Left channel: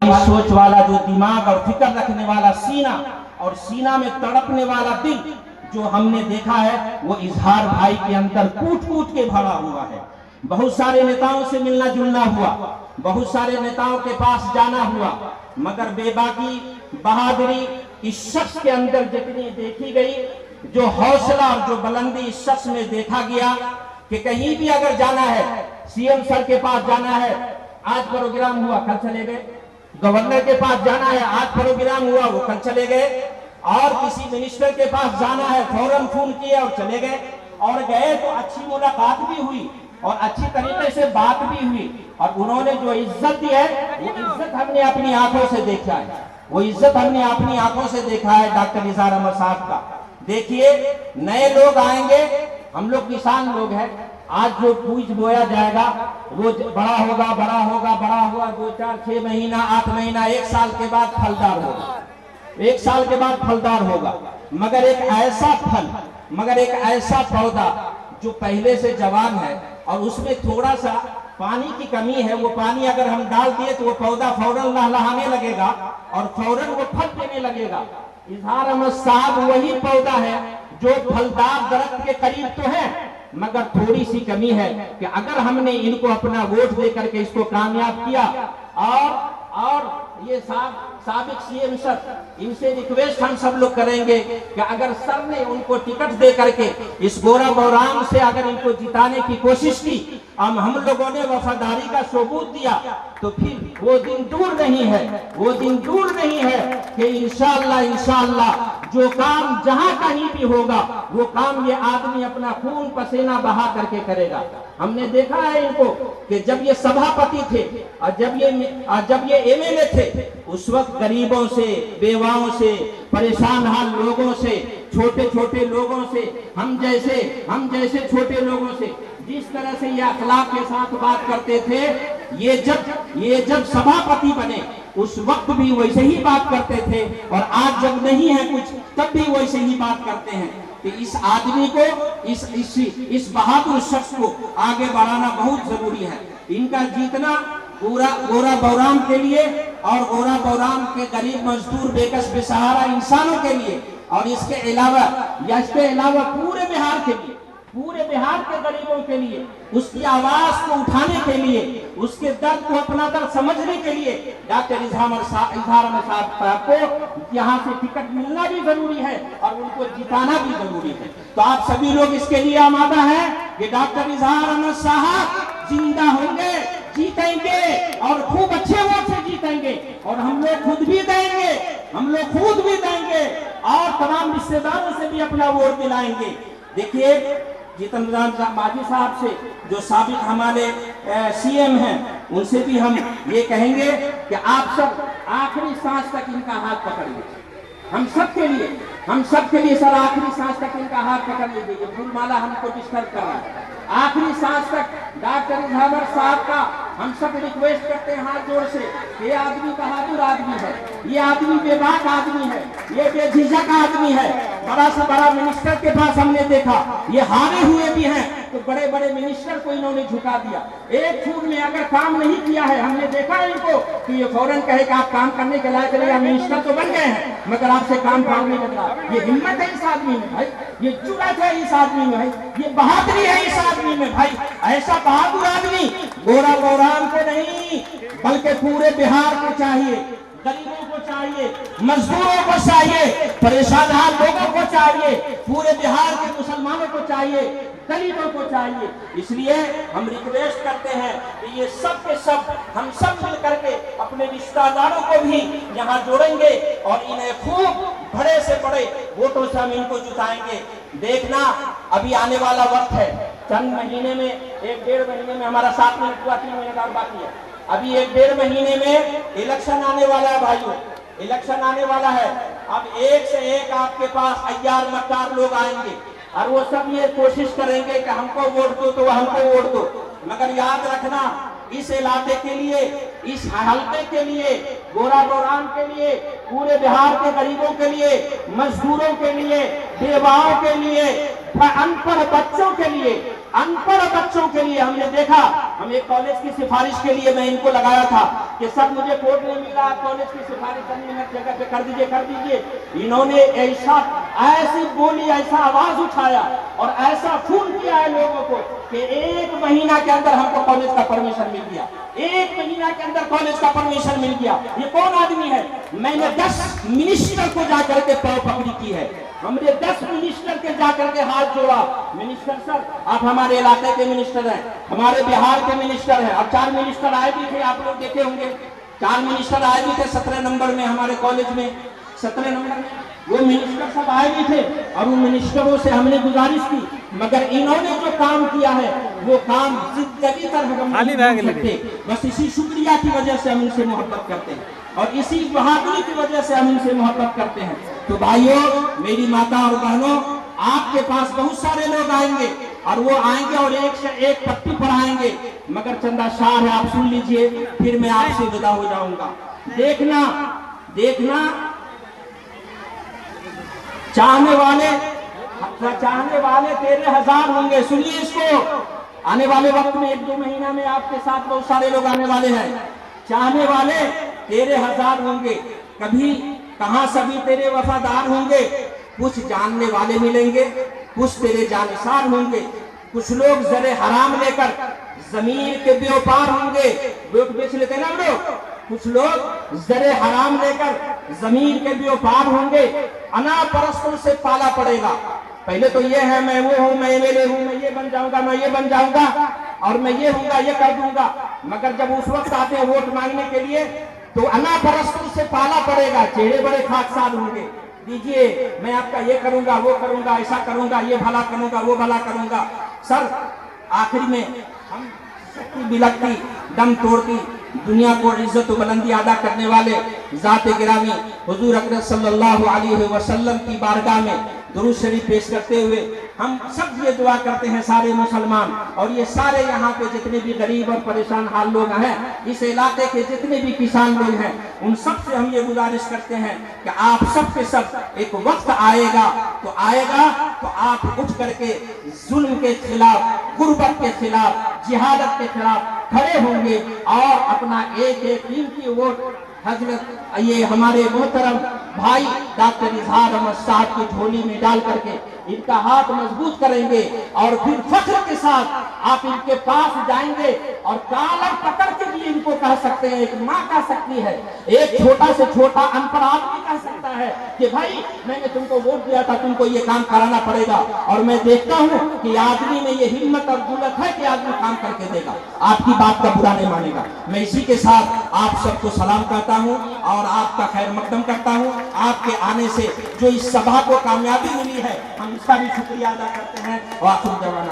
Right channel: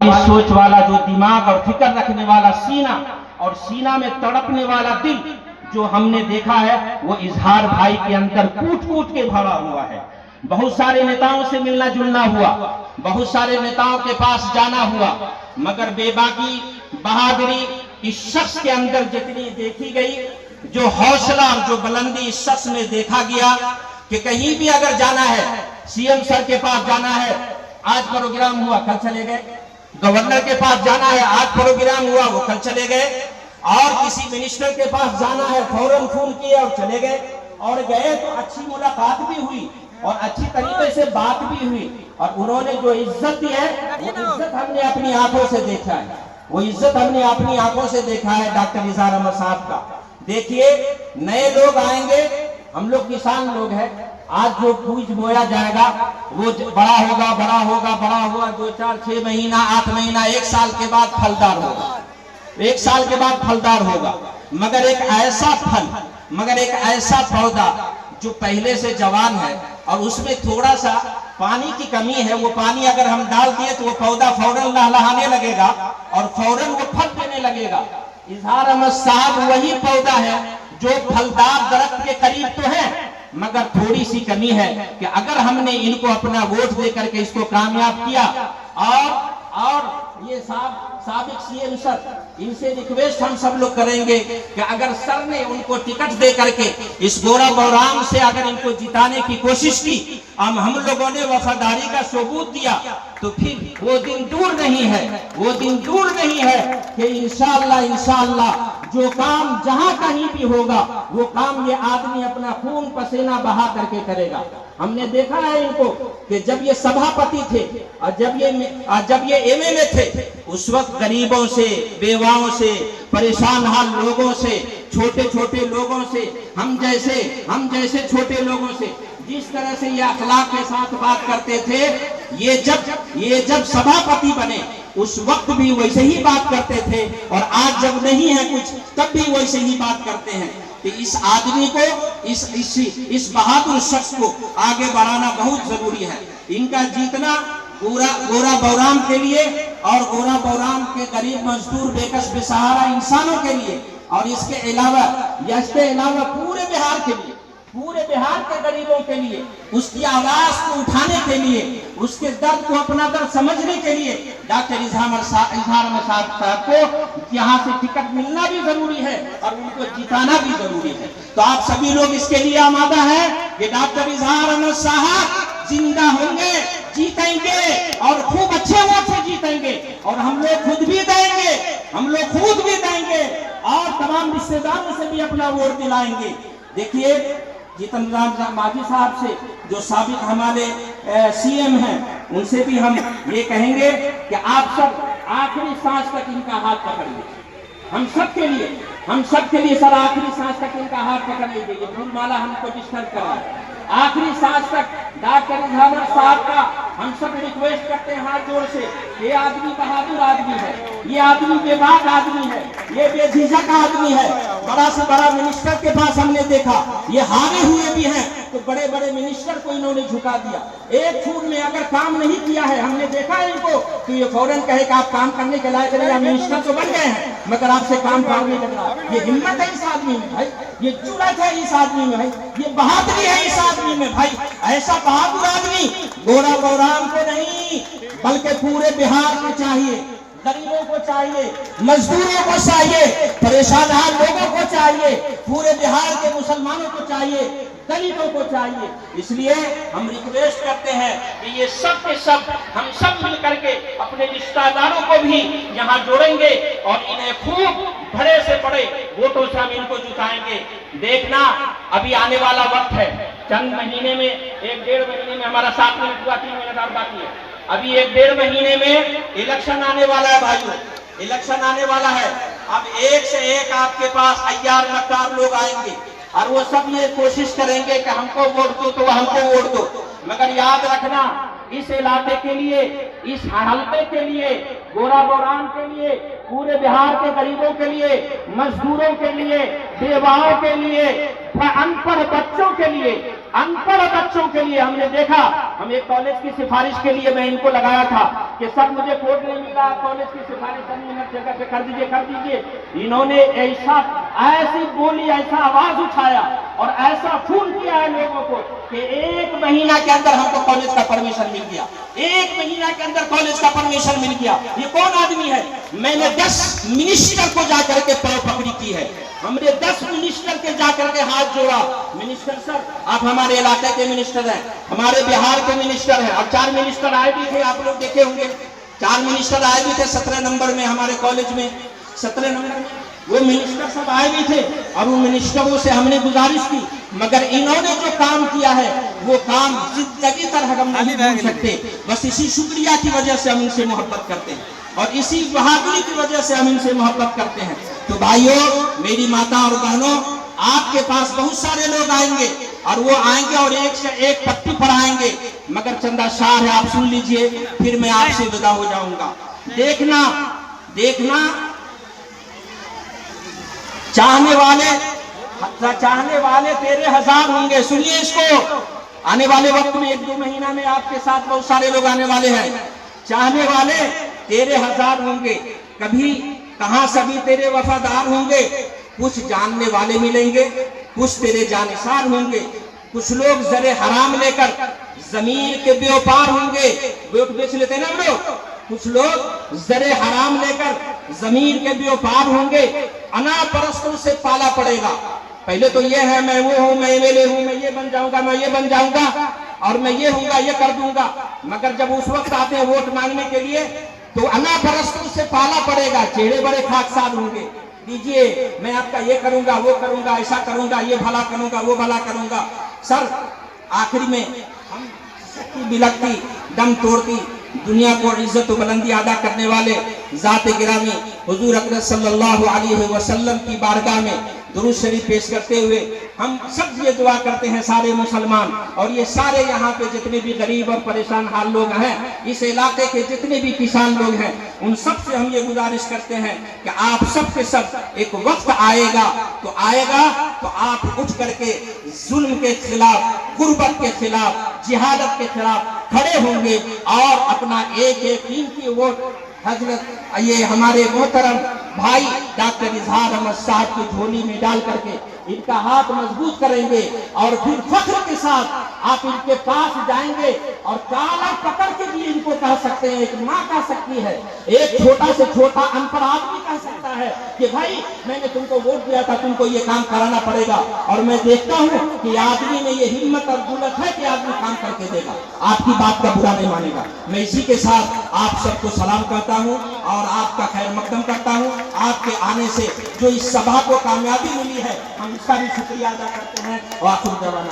सोच वाला जो दिमाग और फिक्र रखने वाला सीना और सीना में तड़पने वाला दिल जो हमने देखा है वो इजहार भाई के अंदर कूट कूट के भरा हुआ है। बहुत सारे नेताओं से मिलना जुलना हुआ, बहुत सारे नेताओं के पास जाना हुआ, मगर बेबाकी बहादुरी इस शख्स के अंदर जितनी देखी गई, जो हौसला और जो बुलंदी इस शख्स में देखा गया कि कहीं भी अगर जाना है, सीएम सर के पास जाना है, आज प्रोग्राम हुआ कल चले गए, गवर्नर के पास जाना है, आज प्रोग्राम हुआ वो कल चले गए, और किसी मिनिस्टर के पास जाना है फौरन फोन किए और चले गए, और गए तो अच्छी मुलाकात भी हुई और अच्छी तरीके से बात भी हुई, और उन्होंने जो इज्जत दी है वो इज्जत हमने अपनी आंखों से देखा है, वो इज्जत हमने अपनी आंखों से देखा है डॉक्टर इजहार अहमद साहब का। देखिए नए लोग आएंगे, हम लोग किसान लोग हैं, आज जो बीज बोया जाएगा वो बड़ा होगा बड़ा होगा बड़ा हुआ 2 4 6 महीना 8 महीना 1 साल के बाद फलदार होगा, 1 साल के बाद फलदार होगा, मगर एक ऐसा फल, मगर एक ऐसा पौधा जो पहले से जवान है और उसमें थोड़ा सा पानी की कमी है, वो पानी अगर हम डाल दिए तो वो पौधा फौरन लहलहाने लगेगा और फौरन वो फल देने लगेगा। इजहार अहमद साहब वही पौधा है जो फलदार दरख्त के करीब तो है, मगर थोड़ी सी कमी है कि अगर हमने इनको अपना वोट दे करके इसको कामयाब किया, और ये साबिक सीएम सर, इनसे रिक्वेस्ट हम सब लोग करेंगे कि अगर सर ने उनको टिकट दे करके इस गोरा बौराम से अगर इनको जिताने की कोशिश की, हम लोगों ने वफादारी का सबूत दिया, तो फिर वो दिन दूर नहीं है, वो दिन दूर नहीं है कि इंशाअल्लाह इंशाअल्लाह जो काम जहां कहीं भी होगा वो काम ये आदमी अपना खून पसीना बहा करके करेगा। हमने देखा है इनको कि जब ये सभापति थे और जब ये एमएलए थे, उस वक्त गरीबों से, बेवाओं से, परेशान हाल लोगों से, छोटे छोटे लोगों से, हम जैसे छोटे लोगों से जिस तरह से ये अखलाक के साथ बात करते थे, ये जब सभापति बने उस वक्त भी वैसे ही बात करते थे, और आज जब नहीं है कुछ तब भी वैसे ही बात करते हैं। कि इस आदमी को, इस बहादुर शख्स को आगे बढ़ाना बहुत जरूरी है। इनका जीतना गोरा बौराम के लिए और गोरा बौराम के गरीब मजदूर बेकस बेसहारा इंसानों के लिए, और इसके अलावा पूरे बिहार के लिए, पूरे बिहार के गरीबों के लिए, उसकी आवाज को उठाने के लिए, उसके दर्द को अपना दर्द समझने के लिए डॉक्टर इजहार अहमद साहब को यहाँ से टिकट मिलना भी जरूरी है और उनको जिताना भी जरूरी है। तो आप सभी लोग इसके लिए आमादा है कि डॉक्टर इजहार अहमद साहब जिंदा होंगे, जीतेंगे और खूब अच्छे वोट से जीतेंगे, और हम लोग खुद भी देंगे और तमाम रिश्तेदारों से भी अपना वोट दिलाएंगे। देखिए जीतन राम मांझी साहब से जो साबिक हमारे सीएम हैं, उनसे भी हम ये कहेंगे कि आप सब आखिरी सांस तक इनका हाथ पकड़ लीजिए, हम सब के लिए सर आखिरी सांस तक इनका हाथ पकड़ लीजिए। ये फूलमाला हमको डिस्टर्ब कर रहा है, आखिरी सांस तक डॉक्टर इजहार साहब का हम सब रिक्वेस्ट करते हैं हाथ जोड़ से। ये आदमी बहादुर आदमी है, ये आदमी बेबाक आदमी है, ये बेझिझक आदमी है। बड़ा से बड़ा मिनिस्टर के पास हमने देखा, ये हारे हुए भी हैं तो बड़े बड़े मिनिस्टर को इन्होंने झुका दिया। एक छूट में अगर काम नहीं किया है, हमने देखा है इनको, तो ये फौरन कहे कि आप काम करने के लायक नहीं, मिनिस्टर तो बन गए हैं मगर आपसे काम नहीं लग रहा। ये हिम्मत है इस आदमी में भाई, ये जुर्रत है इस आदमी में भाई, ये बहादुरी है इस आदमी में भाई। ऐसा बहादुर आदमी गोरा बौराम को नहीं बल्कि पूरे बिहार को चाहिए, गरीबों को चाहिए, मजदूरों को चाहिए, परेशान हाल लोगों को चाहिए, पूरे बिहार के मुसलमानों को चाहिए, दलितों को चाहिए। इसलिए हम रिक्वेस्ट करते हैं कि ये सब के सब हम सब मिल करके अपने रिश्तेदारों को भी यहाँ जोड़ेंगे और इन्हें खूब बड़े से बड़े वोटों से हम इनको जिताएंगे। देखना अभी आने वाला वक्त है, चंद महीने में, 1-1.5 महीने में, हमारा 7 मिनट हुआ, 3 महीने और बाकी है, अभी 1-1.5 महीने में इलेक्शन आने वाला है भाइयों, इलेक्शन आने वाला है। अब एक से एक आपके पास अय्यार मक्कार लोग आएंगे और वो सब ये कोशिश करेंगे कि हमको वोट दो तो हमको वोट दो, मगर याद रखना इस इलाके के लिए, इस हल्के के लिए, गोरा बौराम के लिए, पूरे बिहार के गरीबों के लिए, मजदूरों के लिए, बेवाओं के लिए, अनपढ़ बच्चों के लिए, अनपढ़ बच्चों के लिए हमने देखा, हम एक कॉलेज की सिफारिश के लिए मैं इनको लगाया था कि सर मुझे कोर्ट नहीं मिला, कॉलेज की सिफारिश करनी है, जगह पे कर दीजिए, कर दीजिए। इन्होंने ऐसी बोली, ऐसा आवाज उठाया और ऐसा फोन किया है लोगों को कि 1 महीना के अंदर हमको कॉलेज का परमिशन मिल गया, 1 महीना के अंदर कॉलेज का परमिशन मिल गया। ये कौन आदमी है? मैंने 10 मिनिस्टर को जाकर के पैर पकड़ी की है, हमने 10 मिनिस्टर के जाकर के हाथ जोड़ा। मिनिस्टर सर, आप हमारे इलाके के मिनिस्टर हैं, हमारे बिहार के मिनिस्टर हैं। अब 4 मिनिस्टर आए भी थे, आप लोग देखे होंगे, 4 मिनिस्टर आए भी थे 17 नंबर में हमारे कॉलेज में, 17 नंबर में वो मिनिस्टर सब आए भी थे और उन मिनिस्टरों से हमने गुजारिश की, मगर इन्होंने जो काम किया है वो काम जिंदगी तरह हम नहीं भूल सकते। बस इसी शुक्रिया की वजह से हम इनसे मोहब्बत करते हैं और इसी बहादुरी की वजह से हम इनसे मोहब्बत करते हैं। तो भाइयों, मेरी माता और बहनों, आपके पास बहुत सारे लोग आएंगे और वो आएंगे और एक से एक पट्टी पर आएंगे, मगर चंदा शाह है, आप सुन लीजिए, फिर मैं आपसे विदा हो जाऊंगा। देखना देखना, चाहने वाले तेरे 1000 होंगे। सुनिए इसको, आने वाले वक्त में 1-2 महीना में आपके साथ बहुत सारे लोग आने वाले हैं। चाहने वाले तेरे 1000 होंगे, कभी कहां सभी तेरे वफादार होंगे। कुछ जानने वाले मिलेंगे, कुछ तेरे जानिसार होंगे, कुछ लोग जरे हराम लेकर जमीन के व्यापार होंगे, वोट बेच लेते ना हम लोग। कुछ लोग जरे हराम लेकर जमीन के व्यापार होंगे, अनापरस्तों से पाला पड़ेगा। पहले तो ये है मैं वो हूँ, मैं एमएलए हूँ, मैं ये बन जाऊंगा, मैं ये बन जाऊंगा और मैं ये हूँगा, ये कर दूंगा। मगर जब उस वक्त आते हैं वोट मांगने के लिए तो अनापरस्तों से पाला पड़ेगा। चेहरे बड़े खाकसार होंगे, दीजिए मैं आपका ये करूंगा, वो करूंगा, ऐसा करूंगा, ये भला करूंगा, वो भला करूंगा। सर आखिरी में हम शक्ति बिलकती, दम तोड़ती, दुनिया को इज्जत बुलंदी अदा करने वाले जाते गिरामी हुजूर अकरम सल्लल्लाहु अलैहि वसल्लम की बारगाह में दुरूद शरीफ पेश करते हुए हम सब ये दुआ करते हैं, सारे मुसलमान और ये सारे यहाँ पे जितने भी गरीब और परेशान हाल लोग हैं, इस इलाके के जितने भी किसान लोग हैं, उन सब से हम ये गुजारिश करते हैं कि आप सब के सब एक वक्त आएगा तो आप उठ करके जुल्म के खिलाफ, गुर्बत के खिलाफ, जिहादत के खिलाफ खड़े होंगे और अपना एक कीमती वोट हजरत ये हमारे मोहतरम भाई डॉक्टर इजहार अहमद साहब की झोली में डाल करके इनका हाथ मजबूत करेंगे और फिर फख्र के साथ आप इनके पास जाएंगे और काला पकड़ के भी इनको कह सकते हैं, एक माँ कह सकती है, एक छोटा से छोटा अनपढ़ आदमी कह सकता है कि भाई मैंने तुमको वोट दिया था, तुमको ये काम कराना पड़ेगा। और मैं देखता हूँ कि आदमी में ये हिम्मत और जुर्रत है कि आदमी काम करके देगा, आपकी बात का बुरा नहीं मानेगा। मैं इसी के साथ आप सबको सलाम करता हूँ और आपका खैर मकदम करता हूँ। आपके आने से जो इस सभा को कामयाबी मिली है, हम इसका भी शुक्रिया अदा करते हैं। और आखिर जवान